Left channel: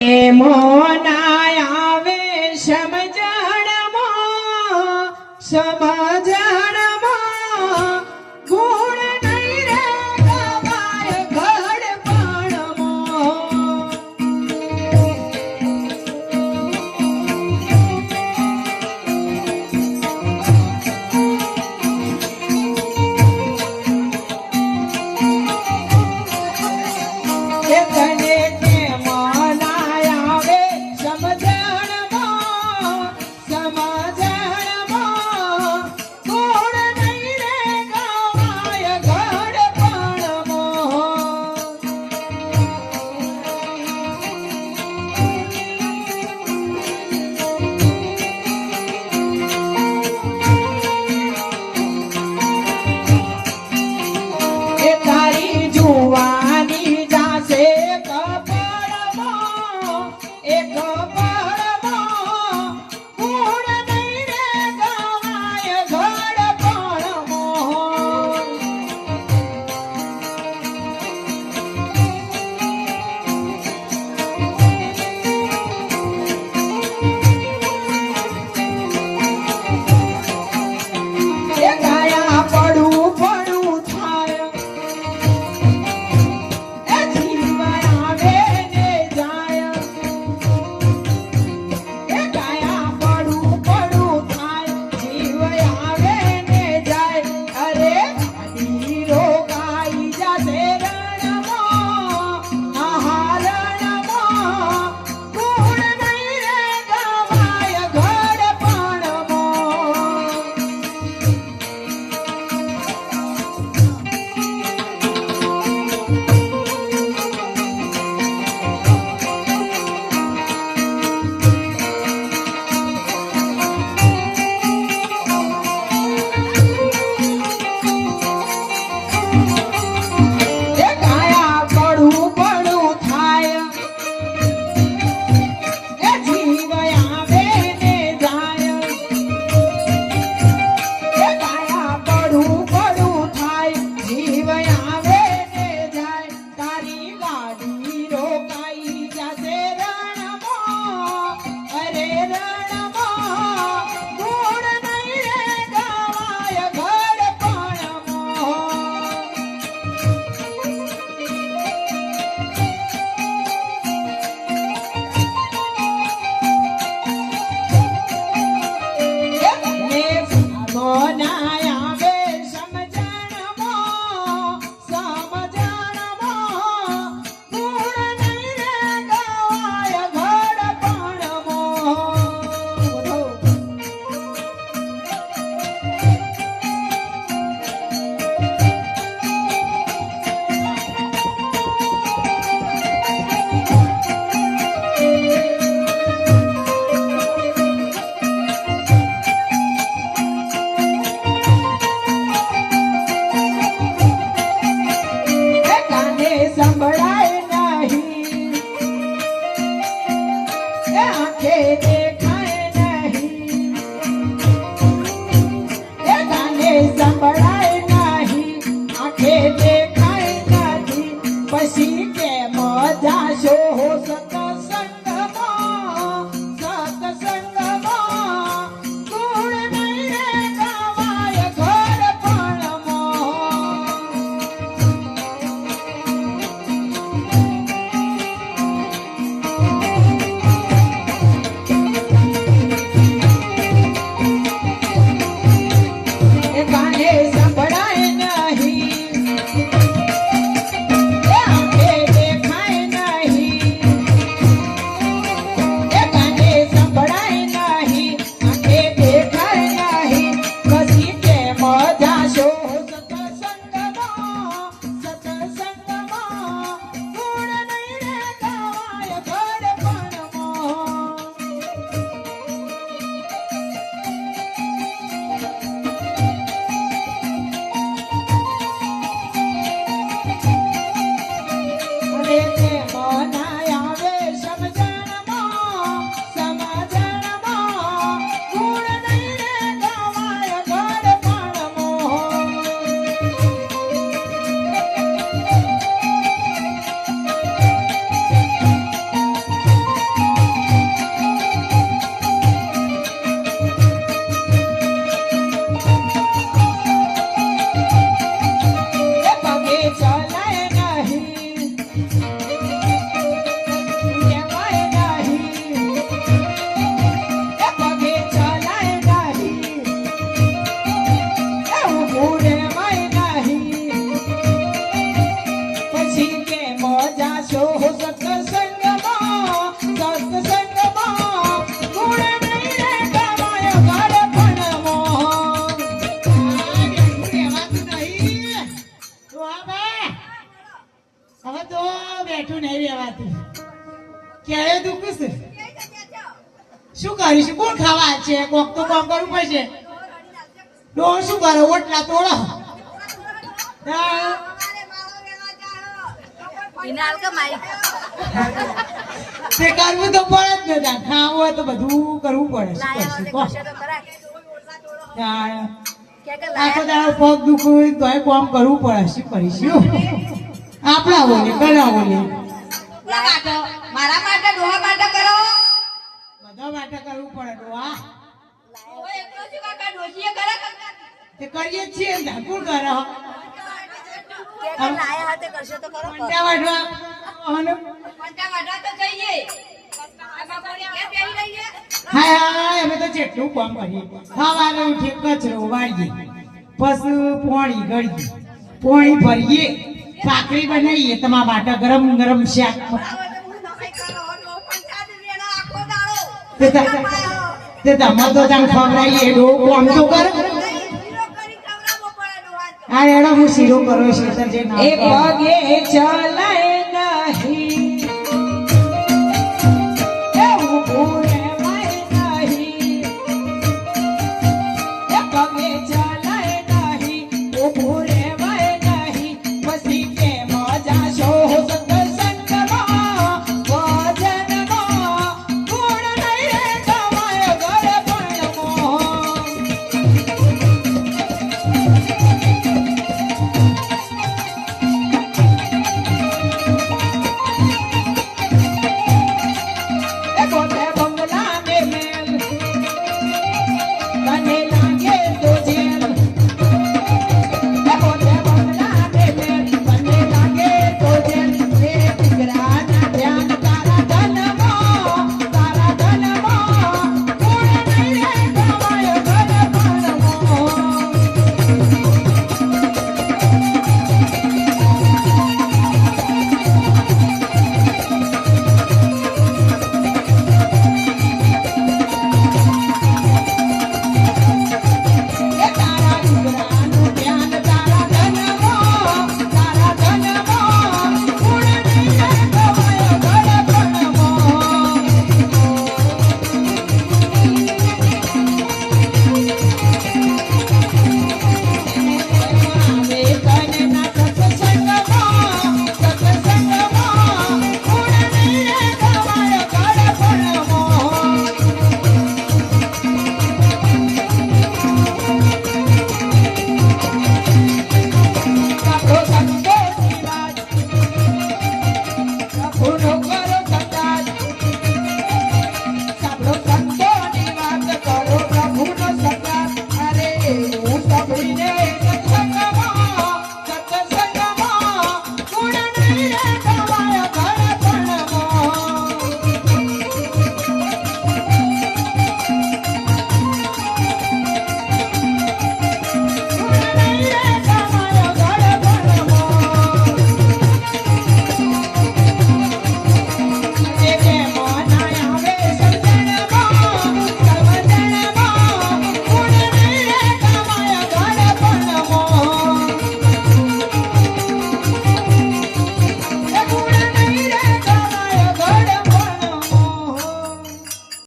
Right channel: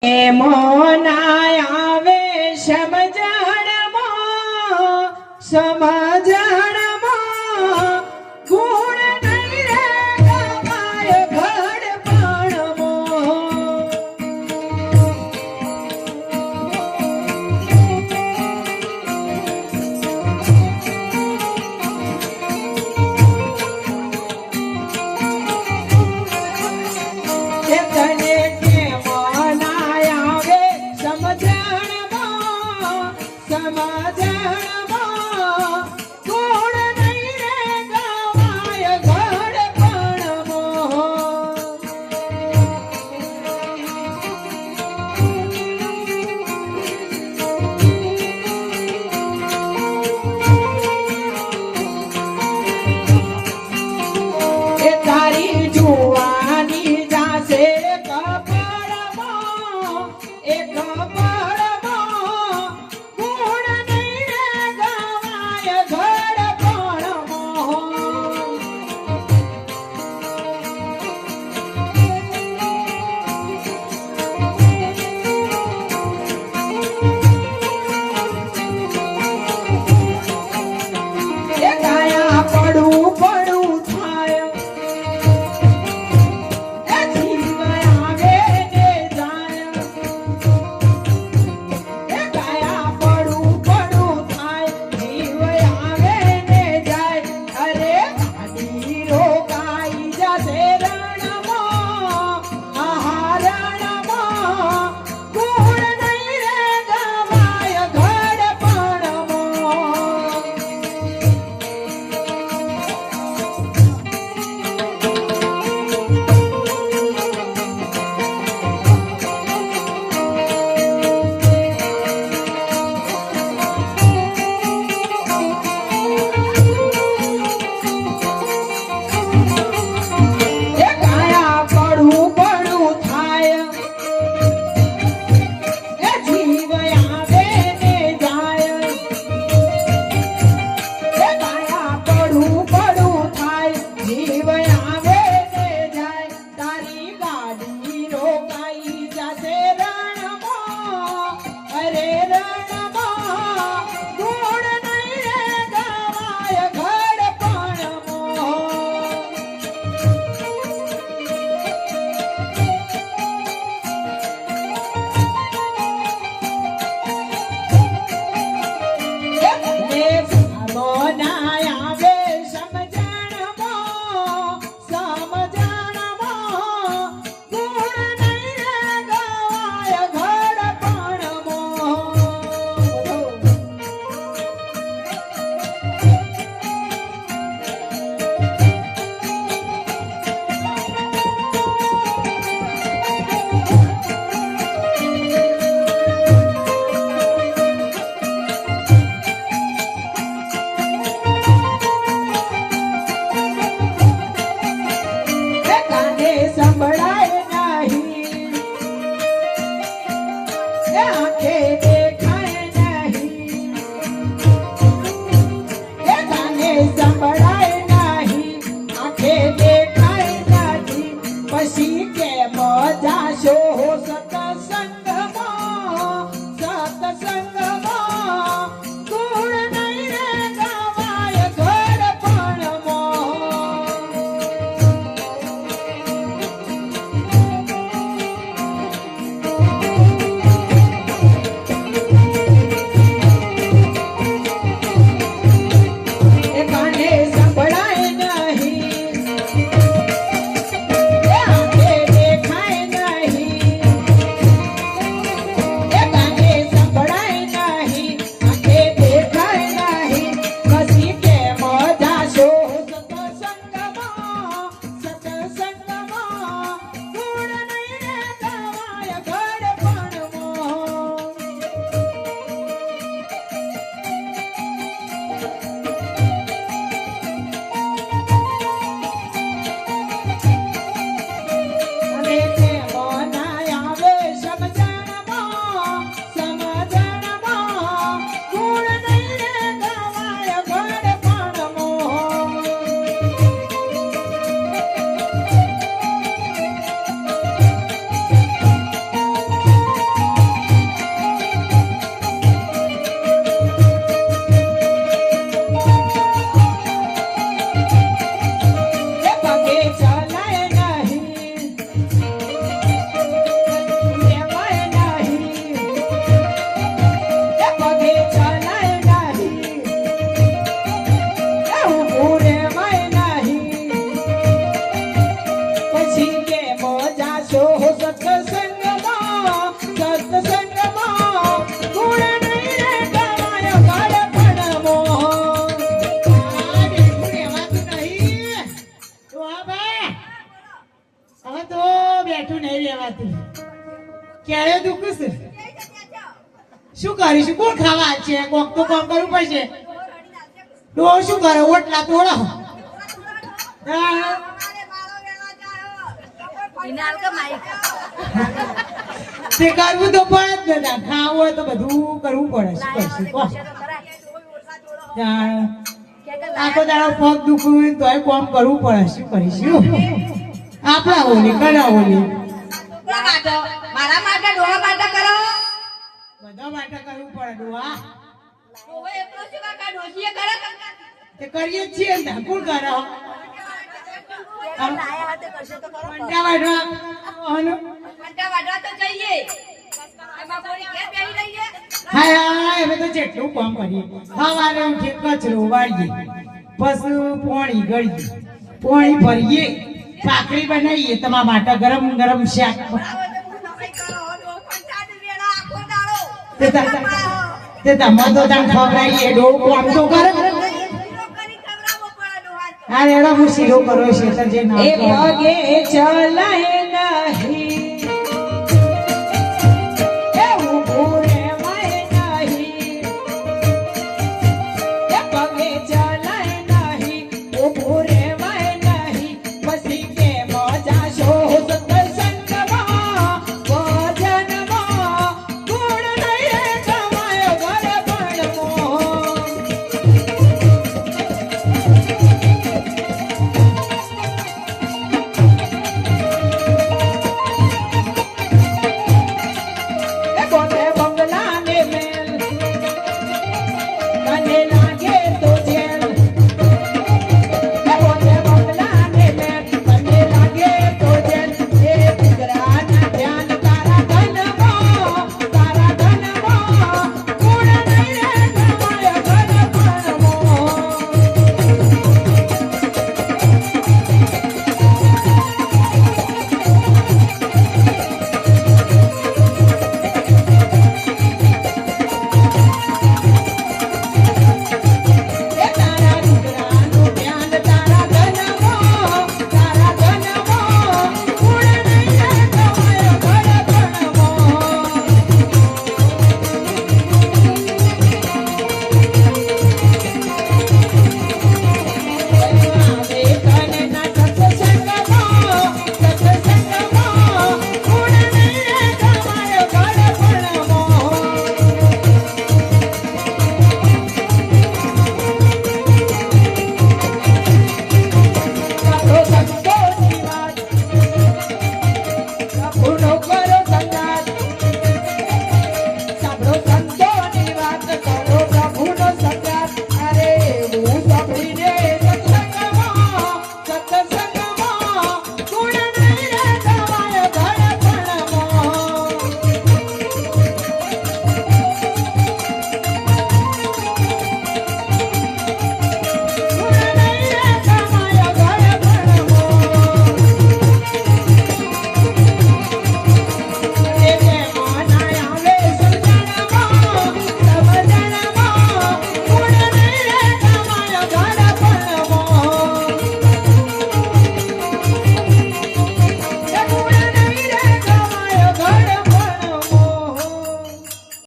મોના આવે સમજણમાં ગુણ નહીં રે ગવાય પેલે દુખું છે શું કરીશું કોણ ખાવા છે કોક તો કામ કરવું પડશે ડોહ શું કરો ઓટલા તોડો હા. તે કરવું તો પડે જ ને ખાવું હોય તો બધું કરવું પડે શું કરશું કોણ આખો દાડો પગ દુખું તોય કામ કરવું પડે શું કરીશું આપણા ઓલી કના ઓલી મારા માટે ડોહા માટે કરો બધા માટે કરવું પડે ડોહા ઓવે એકલો છે કાકા ડોશીએ કરે તે કરીએ જ છીએ ને કોણ કરો લાયા હાથે કરશો તો કરો પંટા વાઢવા અને પંટા વાઢવા તો જઈએ એમાં કોઈ કે બેહી રહીએ હા હા અમે તો જેટલું કામ કરીએ સવારે ઉઠીએ કચરો વાળીએ પછી પોણી ગળીએ પોણી ભરીએ ભાખરી બનાવીએ તમારા માટે ગરમ ગરમ શાક તે તમે તો તને ખવડાવીએ ડોકો આમ તો કરે હા એનો હું શીરો કરો છે એ પગે ચલા